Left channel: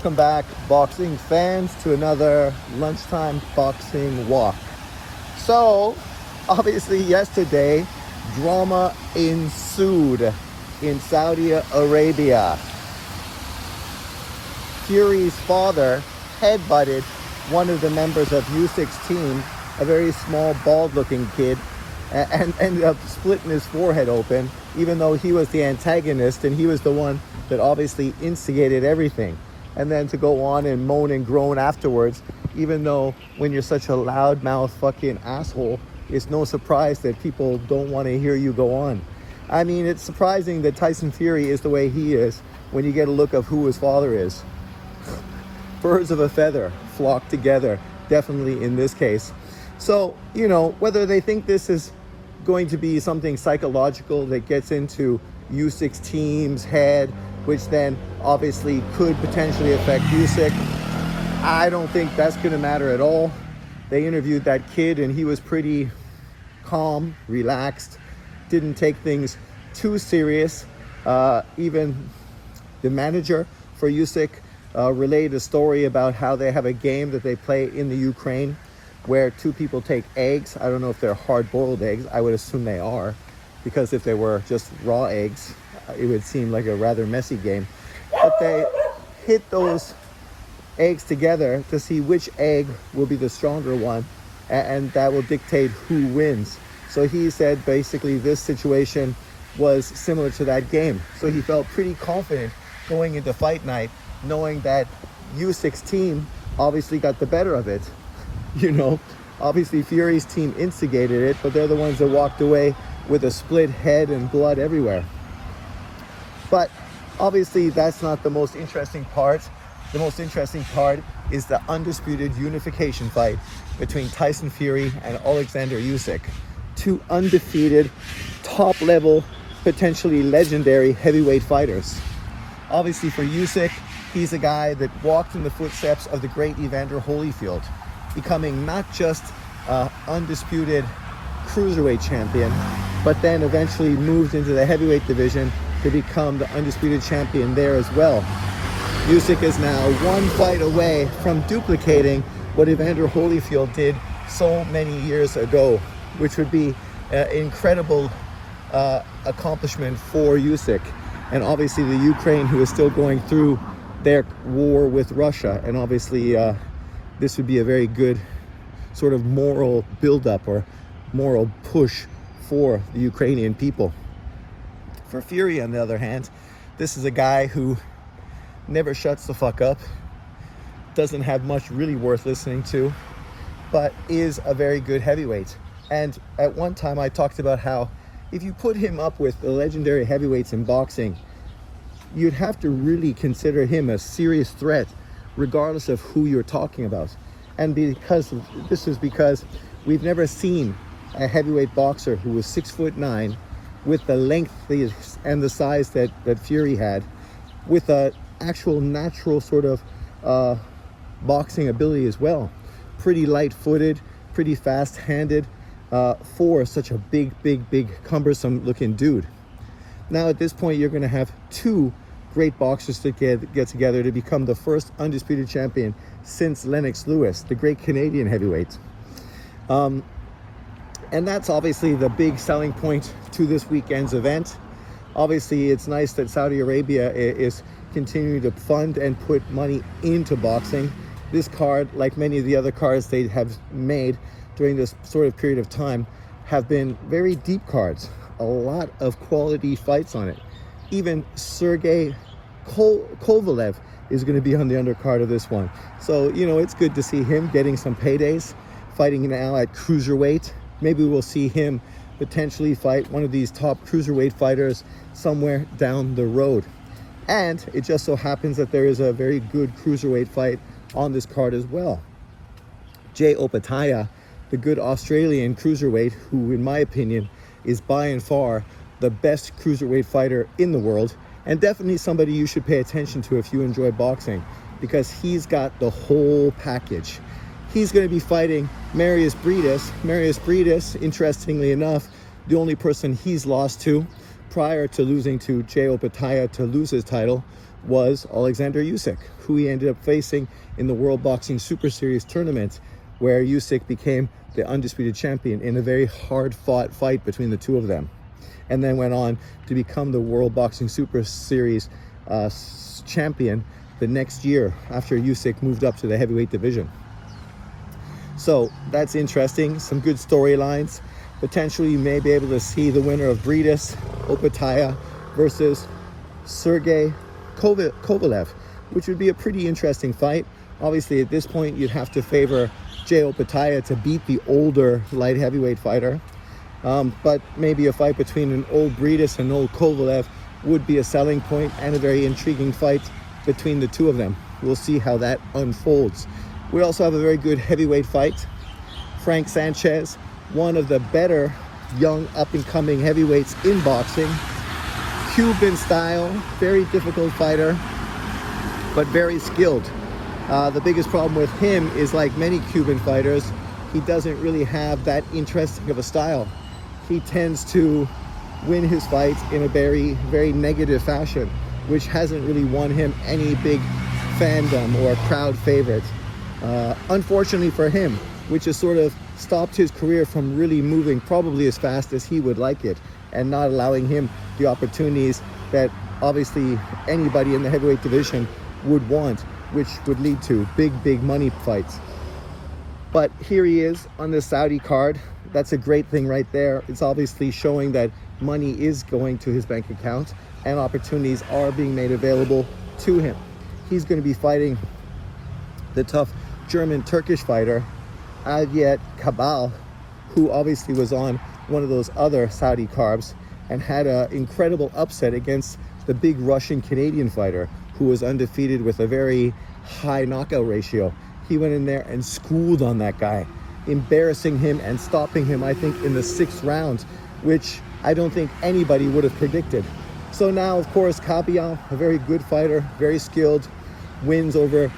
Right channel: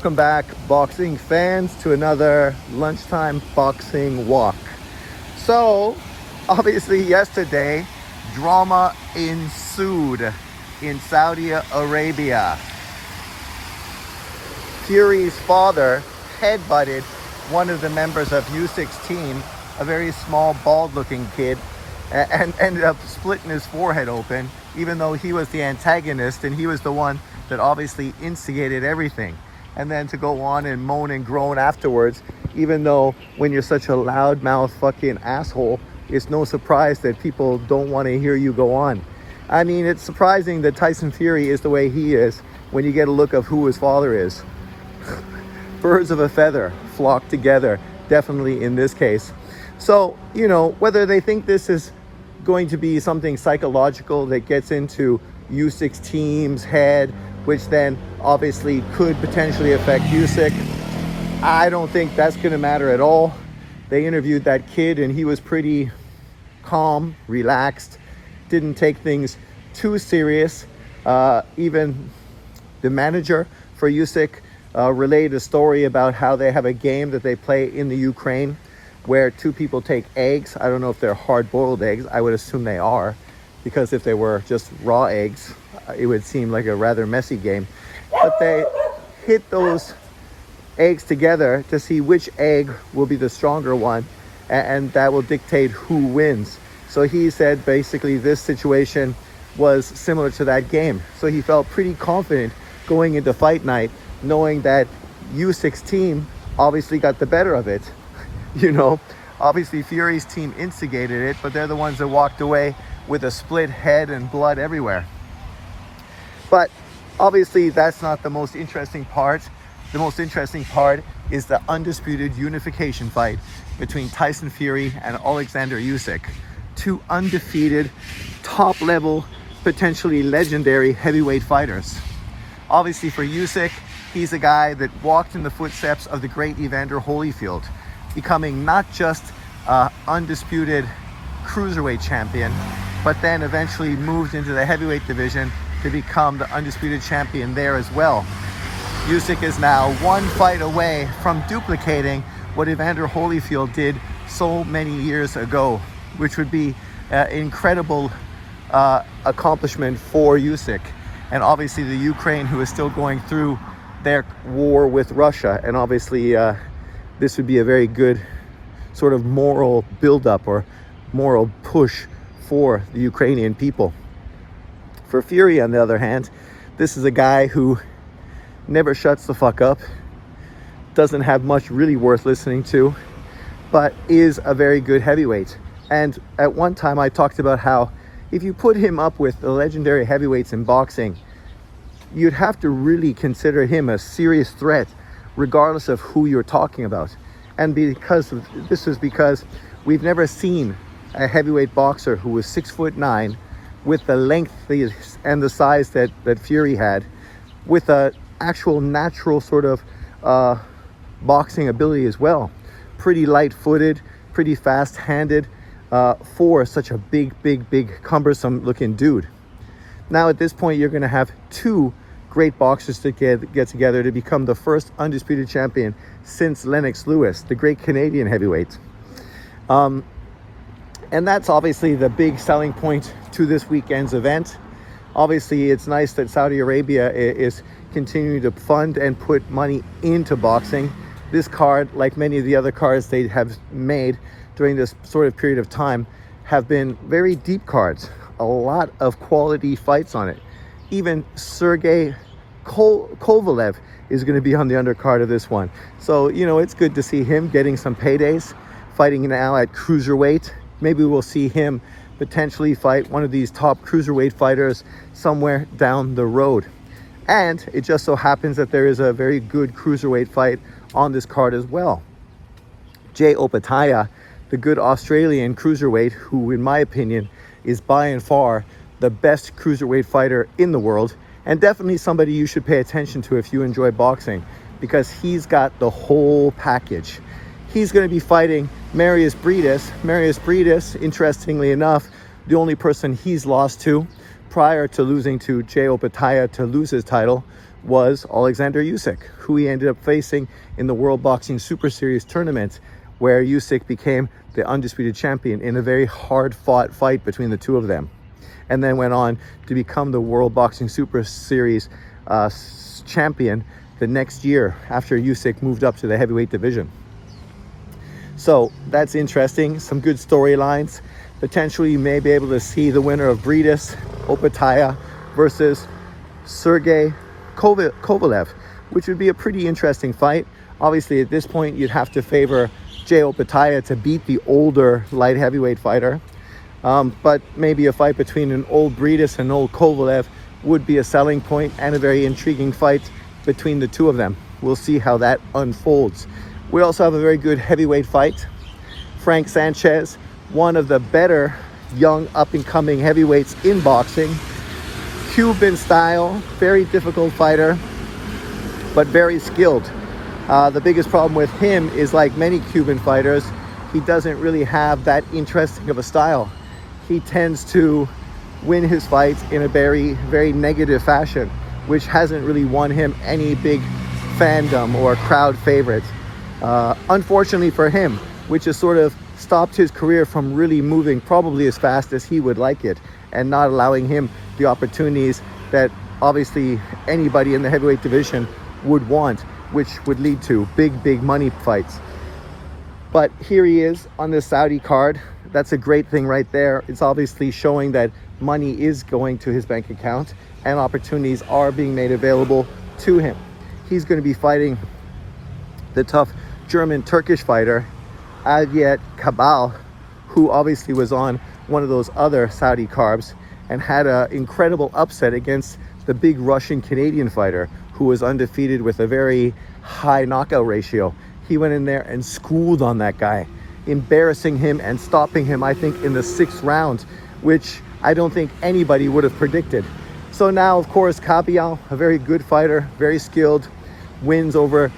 Welcome back, boxing fans, to another lunchtime boxing walk. So, obviously yesterday, drama ensued in Saudi Arabia. Fury's father headbutted one of the members of Usyk's team, a very small, bald-looking kid, and ended up splitting his forehead open, even though he was the antagonist and he was the one that obviously instigated everything. And then to go on and moan and groan afterwards, even though when you're such a loudmouth fucking asshole, it's no surprise that people don't want to hear you go on. I mean, it's surprising that Tyson Fury is the way he is when you get a look of who his father is. Birds of a feather flock together, definitely in this case. So, you know, whether they think this is going to be something psychological that gets into Usyk's team's head, which then obviously could potentially affect Usyk, I don't think that's going to matter at all. They interviewed that kid and he was pretty calm, relaxed, didn't take things too serious. Even the manager for Usyk relayed a story about how they have a game that they play in the Ukraine where two people take eggs. I don't know if they're hard-boiled eggs. I would assume they are, because if they were just raw eggs, it would seem like a rather messy game. But they hit those eggs together to see which egg will be the stronger one, and that will dictate who wins. So he said basically this situation was similar to that game. So he felt pretty confident going into fight night, knowing that Usyk's team obviously got the better of it. You know, obviously Fury's team instigated it, but they're the ones that walked away with a split head and blood everywhere. But obviously that's not the most interesting part. The most interesting part is the undisputed unification fight between Tyson Fury and Alexander Usyk. Two undefeated, top-level, potentially legendary heavyweight fighters. Obviously for Usyk, he's a guy that walked in the footsteps of the great Evander Holyfield, becoming not just undisputed cruiserweight champion, but then eventually moved into the heavyweight division to become the undisputed champion there as well. Usyk is now one fight away from duplicating what Evander Holyfield did so many years ago, which would be an incredible accomplishment for Usyk. And obviously the Ukraine, who is still going through their war with Russia, and obviously this would be a very good sort of moral buildup or moral push for the Ukrainian people. For Fury, on the other hand, this is a guy who never shuts the fuck up, doesn't have much really worth listening to, but is a very good heavyweight. And at one time I talked about how if you put him up with the legendary heavyweights in boxing, you'd have to really consider him a serious threat regardless of who you're talking about. And because we've never seen a heavyweight boxer who was 6'9", with the length and the size that Fury had, with a actual natural sort of boxing ability as well. Pretty light-footed, pretty fast-handed for such a big, cumbersome looking dude. Now at this point, you're going to have two great boxers to get together to become the first undisputed champion since Lennox Lewis, the great Canadian heavyweight. And that's obviously the big selling point to this weekend's event. Obviously, it's nice that Saudi Arabia is continuing to fund and put money into boxing. This card, like many of the other cards they have made during this sort of period of time, have been very deep cards. A lot of quality fights on it. Even Sergey Kovalev is going to be on the undercard of this one. So, you know, it's good to see him getting some paydays, fighting now at cruiserweight. Maybe we'll see him potentially fight one of these top cruiserweight fighters somewhere down the road. And it just so happens that there is a very good cruiserweight fight on this card as well. Jay Opataya, the good Australian cruiserweight, who in my opinion is by and far the best cruiserweight fighter in the world, and definitely somebody you should pay attention to if you enjoy boxing, because he's got the whole package. He's going to be fighting Marius Briedis. Marius Briedis, interestingly enough, the only person he's lost to prior to losing to Jay Opataya to lose his title was Alexander Usyk, who he ended up facing in the World Boxing Super Series tournament, where Usyk became the undisputed champion in a very hard-fought fight between the two of them, and then went on to become the World Boxing Super Series champion the next year after Usyk moved up to the heavyweight division. So that's interesting. Some good storylines. Potentially you may be able to see the winner of Bridas Opetaia versus Sergey Kovalev, which would be a pretty interesting fight. Obviously, at this point, you'd have to favor Jay Opetaia to beat the older light heavyweight fighter. But maybe a fight between an old Bridas and an old Kovalev would be a selling point, and a very intriguing fight between the two of them. We'll see how that unfolds. We also have a very good heavyweight fight. Frank Sanchez, one of the better young up-and-coming heavyweights in boxing. Cuban style, very difficult fighter, but very skilled. The biggest problem with him is, like many Cuban fighters, he doesn't really have that interesting of a style. He tends to win his fights in a very, very negative fashion, which hasn't really won him any big fandom or crowd favorites. Unfortunately for him, which has sort of stopped his career from really moving probably as fast as he would like it, and not allowing him the opportunities that obviously anybody in the heavyweight division would want, which would lead to big money fights. But here he is on the Saudi card. That's a great thing right there. It's obviously showing that money is going to his bank account and opportunities are being made available to him. He's going to be fighting the tough German-Turkish fighter Adyet Kabal, who obviously was on one of those other Saudi cards and had an incredible upset against the big Russian-Canadian fighter who was undefeated with a very high knockout ratio. He went in there and schooled on that guy, embarrassing him and stopping him, I think, in the 6th round, which I don't think anybody would have predicted. So now, of course, Kabal, a very good fighter, very skilled, wins over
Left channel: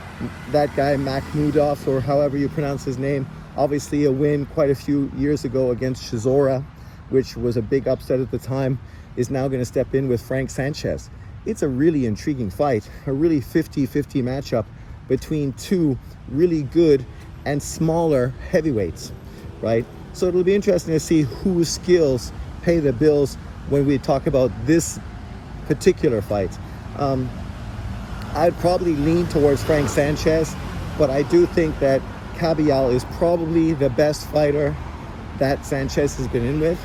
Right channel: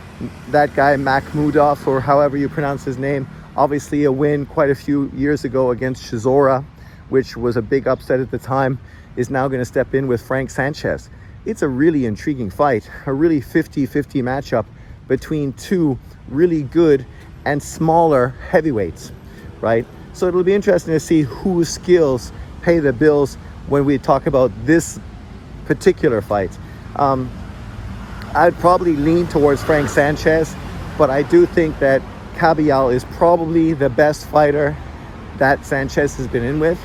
that guy Makhmudov, or however you pronounce his name. Obviously a win quite a few years ago against Chisora, which was a big upset at the time, is now going to step in with Frank Sanchez. It's a really intriguing fight, a really 50-50 matchup between two really good and smaller heavyweights, right? So it'll be interesting to see whose skills pay the bills when we talk about this particular fight. I'd probably lean towards Frank Sanchez, but I do think that Kabal is probably the best fighter that Sanchez has been in with.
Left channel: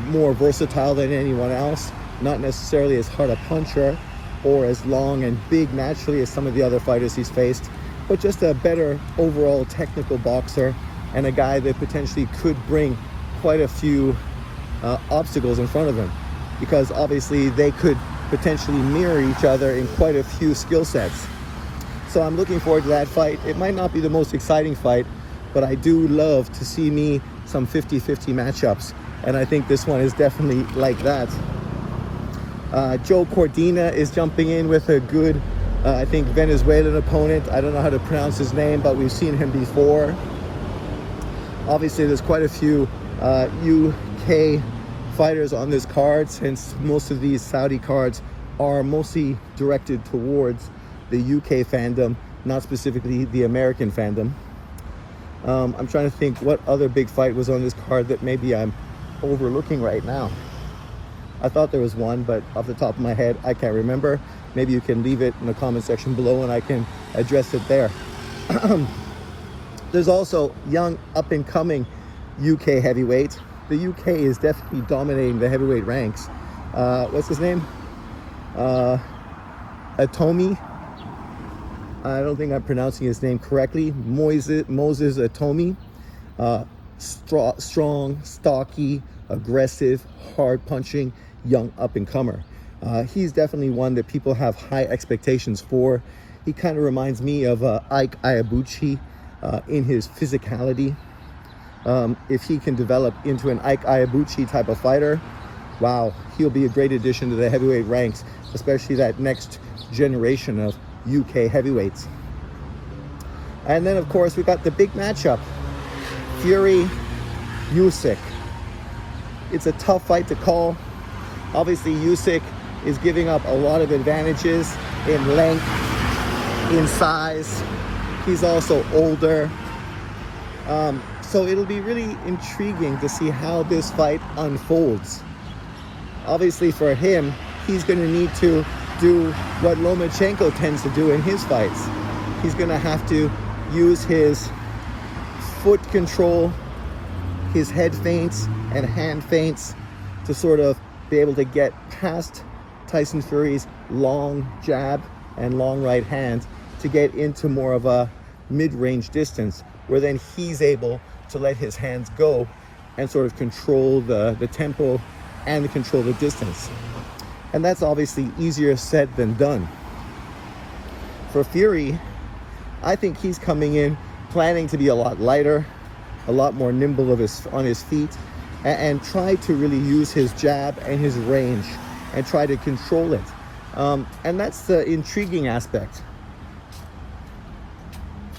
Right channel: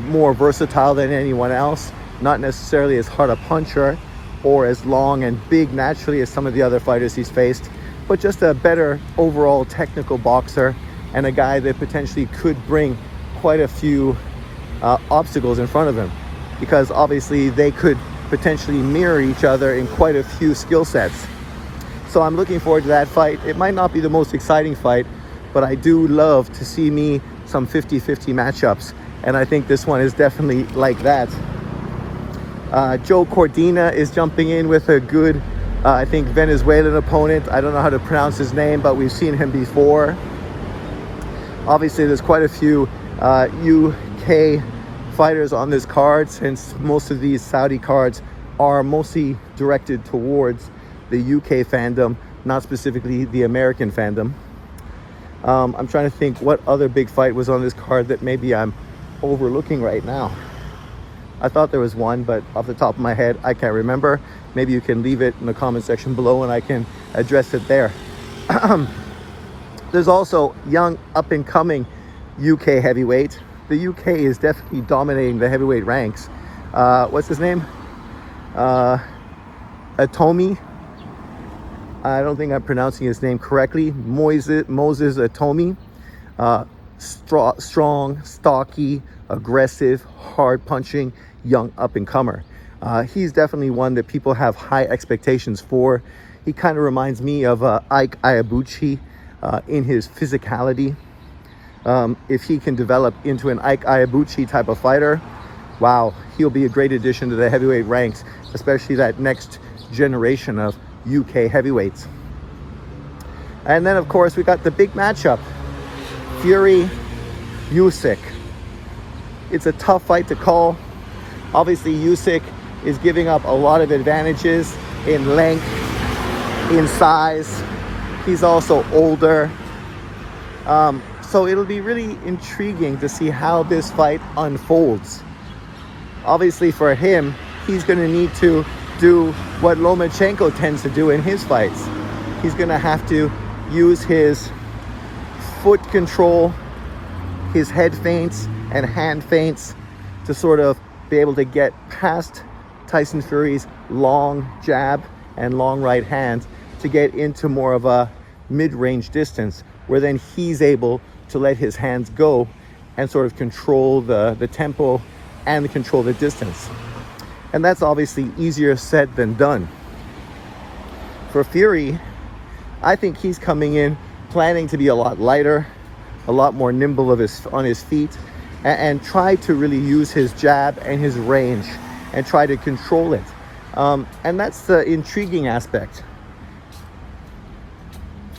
More versatile than anyone else, not necessarily as hard a puncher or as long and big naturally as some of the other fighters he's faced, but just a better overall technical boxer, and a guy that potentially could bring quite a few obstacles in front of him, because obviously they could potentially mirror each other in quite a few skill sets. So I'm looking forward to that fight. It might not be the most exciting fight, but I do love to see me some 50-50 matchups, and I think this one is definitely like that. Joe Cordina is jumping in with a good, I think, Venezuelan opponent. I don't know how to pronounce his name, but we've seen him before. Obviously, there's quite a few UK fighters on this card, since most of these Saudi cards are mostly directed towards the UK fandom, not specifically the American fandom. I'm trying to think what other big fight was on this card that maybe I'm overlooking right now. I thought there was one, but off the top of my head, I can't remember. Maybe you can leave it in the comment section below and I can address it there. There's also young up-and-coming UK heavyweight. The UK is definitely dominating the heavyweight ranks. What's his name? Atomi. I don't think I'm pronouncing his name correctly. Moses Atomi. Strong, stocky, aggressive, hard-punching, young up-and-comer. He's definitely one that people have high expectations for. He kind of reminds me of Ike Iwabuchi in his physicality. If he can develop into an Ike Iwabuchi type of fighter, wow, he'll be a great addition to the heavyweight ranks, especially that next generation of UK heavyweights. And then, of course, we got the big matchup, Fury Usyk. It's a tough fight to call. Obviously, Usyk is giving up a lot of advantages in length, in size. He's also older. So it'll be really intriguing to see how this fight unfolds. Obviously for him, he's going to need to do what Lomachenko tends to do in his fights. He's going to have to use his foot control, his head feints and hand feints to sort of be able to get past Tyson Fury's long jab and long right hand to get into more of a mid-range distance, where then he's able to let his hands go and sort of control the tempo and control the distance. And that's obviously easier said than done. For Fury, I think he's coming in planning to be a lot lighter, a lot more nimble on his feet, and try to really use his jab and his range and try to control it. And that's the intriguing aspect.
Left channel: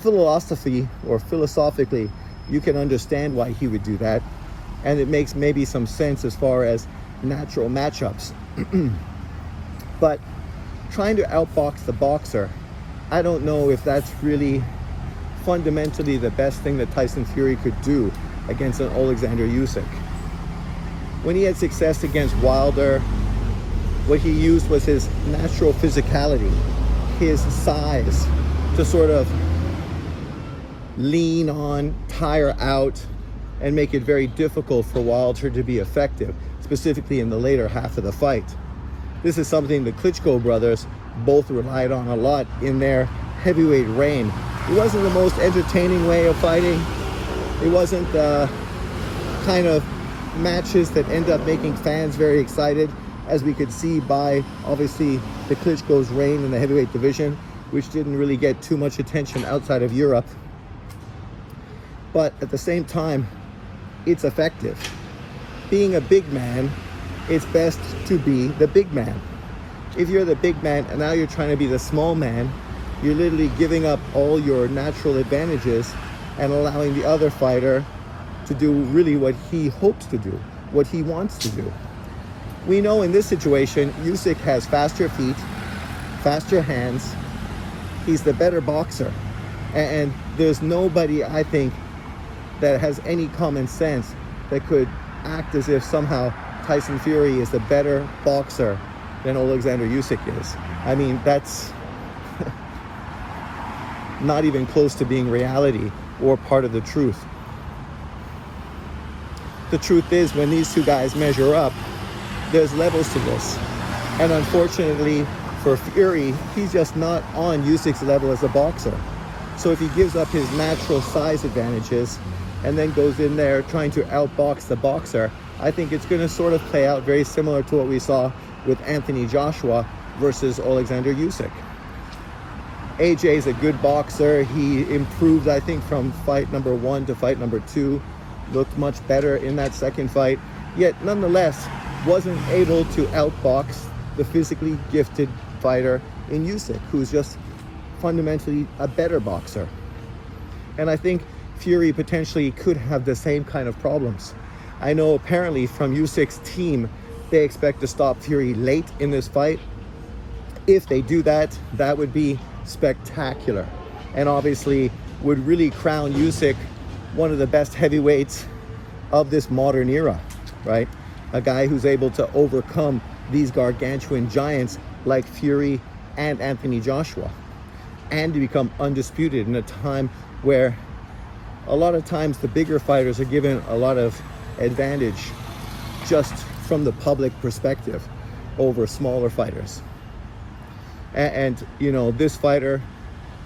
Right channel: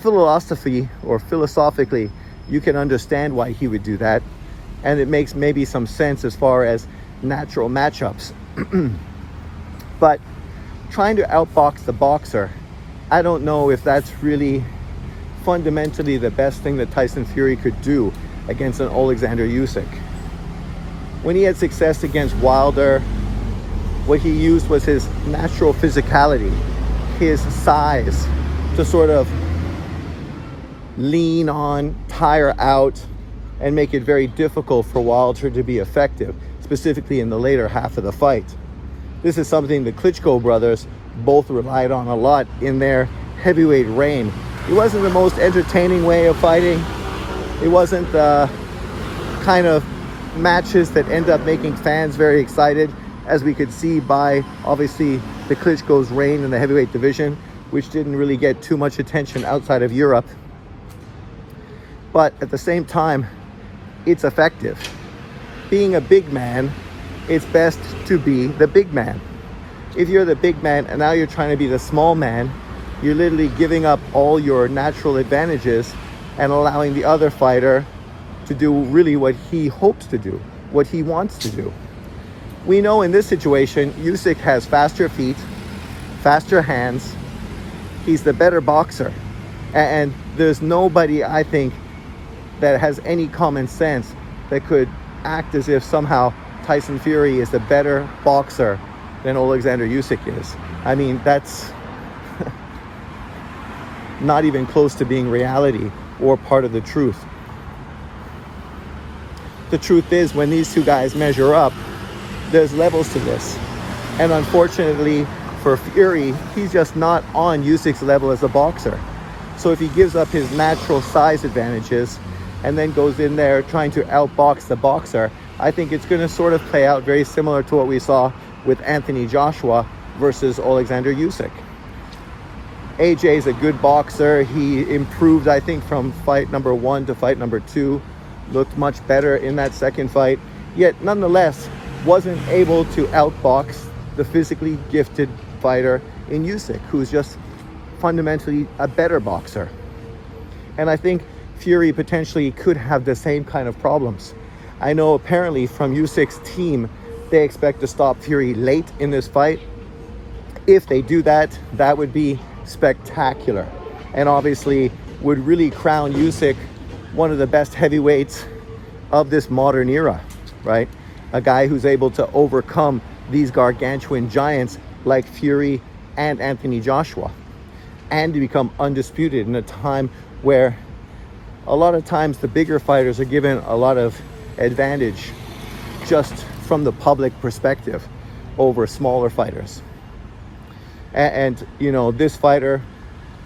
Philosophically, you can understand why he would do that, and it makes maybe some sense as far as natural matchups. But trying to outbox the boxer, I don't know if that's really fundamentally the best thing that Tyson Fury could do against an Alexander Usyk. When he had success against Wilder, what he used was his natural physicality, his size, to sort of lean on, tire out, and make it very difficult for Wilder to be effective, specifically in the later half of the fight. This is something the Klitschko brothers both relied on a lot in their heavyweight reign. It wasn't the most entertaining way of fighting. It wasn't the kind of matches that end up making fans very excited, as we could see by obviously the Klitschko's reign in the heavyweight division, which didn't really get too much attention outside of Europe. But at the same time, it's effective. Being a big man, it's best to be the big man. If you're the big man and now you're trying to be the small man, you're literally giving up all your natural advantages and allowing the other fighter to do really what he hopes to do, what he wants to do. We know in this situation, Usyk has faster feet, faster hands. He's the better boxer. And there's nobody, I think, that has any common sense that could act as if somehow Tyson Fury is the better boxer than Alexander Usyk is. I mean, that's not even close to being reality or part of the truth. The truth is, when these two guys measure up, there's levels to this. And unfortunately for Fury, he's just not on Usyk's level as a boxer. So if he gives up his natural size advantages and then goes in there trying to outbox the boxer, I think it's going to sort of play out very similar to what we saw with Anthony Joshua versus Alexander Usyk. AJ is a good boxer. He improved, I think, from fight number 1 to fight number 2. Looked much better in that second fight, yet nonetheless wasn't able to outbox the physically gifted fighter in Usyk, who's just fundamentally a better boxer. And I think Fury potentially could have the same kind of problems. I know apparently from Usyk's team, they expect to stop Fury late in this fight. If they do that, that would be spectacular, and obviously would really crown Usyk one of the best heavyweights of this modern era, right? A guy who's able to overcome these gargantuan giants like Fury and Anthony Joshua, and to become undisputed in a time where a lot of times the bigger fighters are given a lot of advantage just from the public perspective over smaller fighters. And you know, this fighter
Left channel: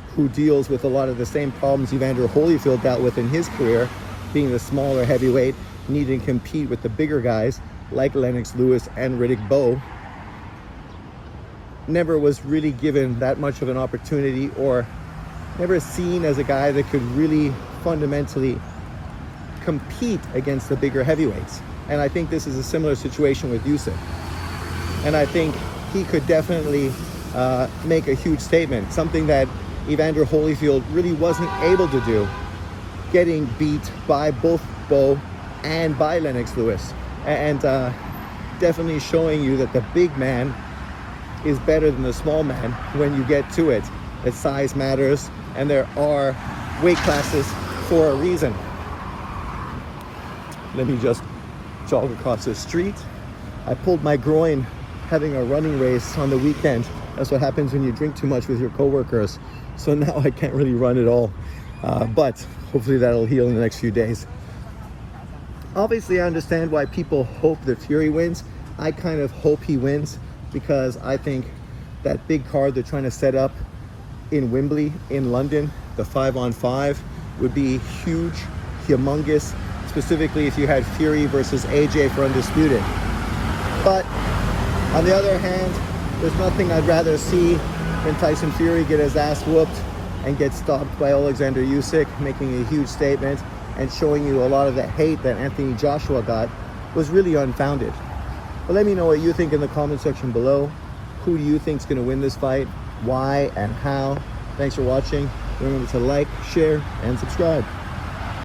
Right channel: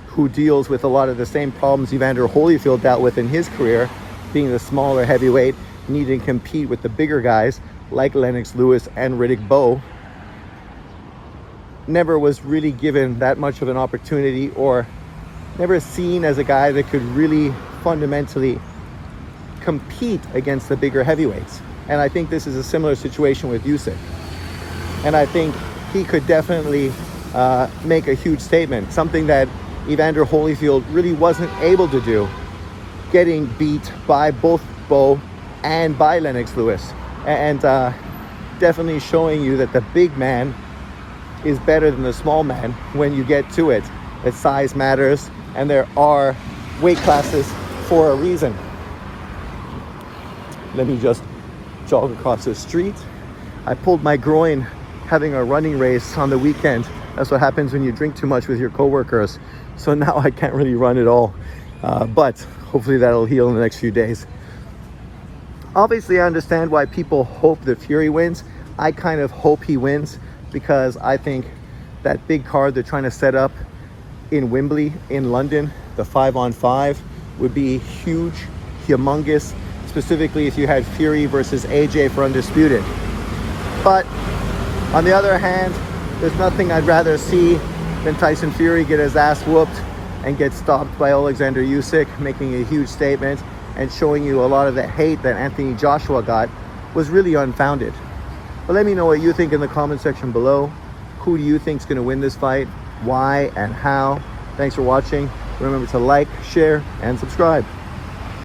who deals with a lot of the same problems Evander Holyfield dealt with in his career, being the smaller heavyweight, needing to compete with the bigger guys like Lennox Lewis and Riddick Bowe, never was really given that much of an opportunity, or never seen as a guy that could really fundamentally compete against the bigger heavyweights. And I think this is a similar situation with Usyk. And I think he could definitely make a huge statement, something that Evander Holyfield really wasn't able to do, getting beat by both Bowe and by Lennox Lewis. And definitely showing you that the big man is better than the small man when you get to it. That size matters, and there are weight classes for a reason. Let me just jog across the street. I pulled my groin having a running race on the weekend. That's what happens when you drink too much with your coworkers. So now I can't really run at all, but hopefully that'll heal in the next few days. Obviously, I understand why people hope that Fury wins. I kind of hope he wins because I think that big card they're trying to set up in Wembley in London, the 5-on-5, would be huge, humongous, specifically if you had Fury versus AJ for Undisputed. But on the other hand, there's nothing I'd rather see than Tyson Fury get his ass whooped and get stopped by Alexander Usyk, making a huge statement and showing you a lot of the hate that Anthony Joshua got was really unfounded. But let me know what you think in the comment section below. Who do you think is going to win this fight? Why and how? Thanks for watching. Remember to like, share, and subscribe.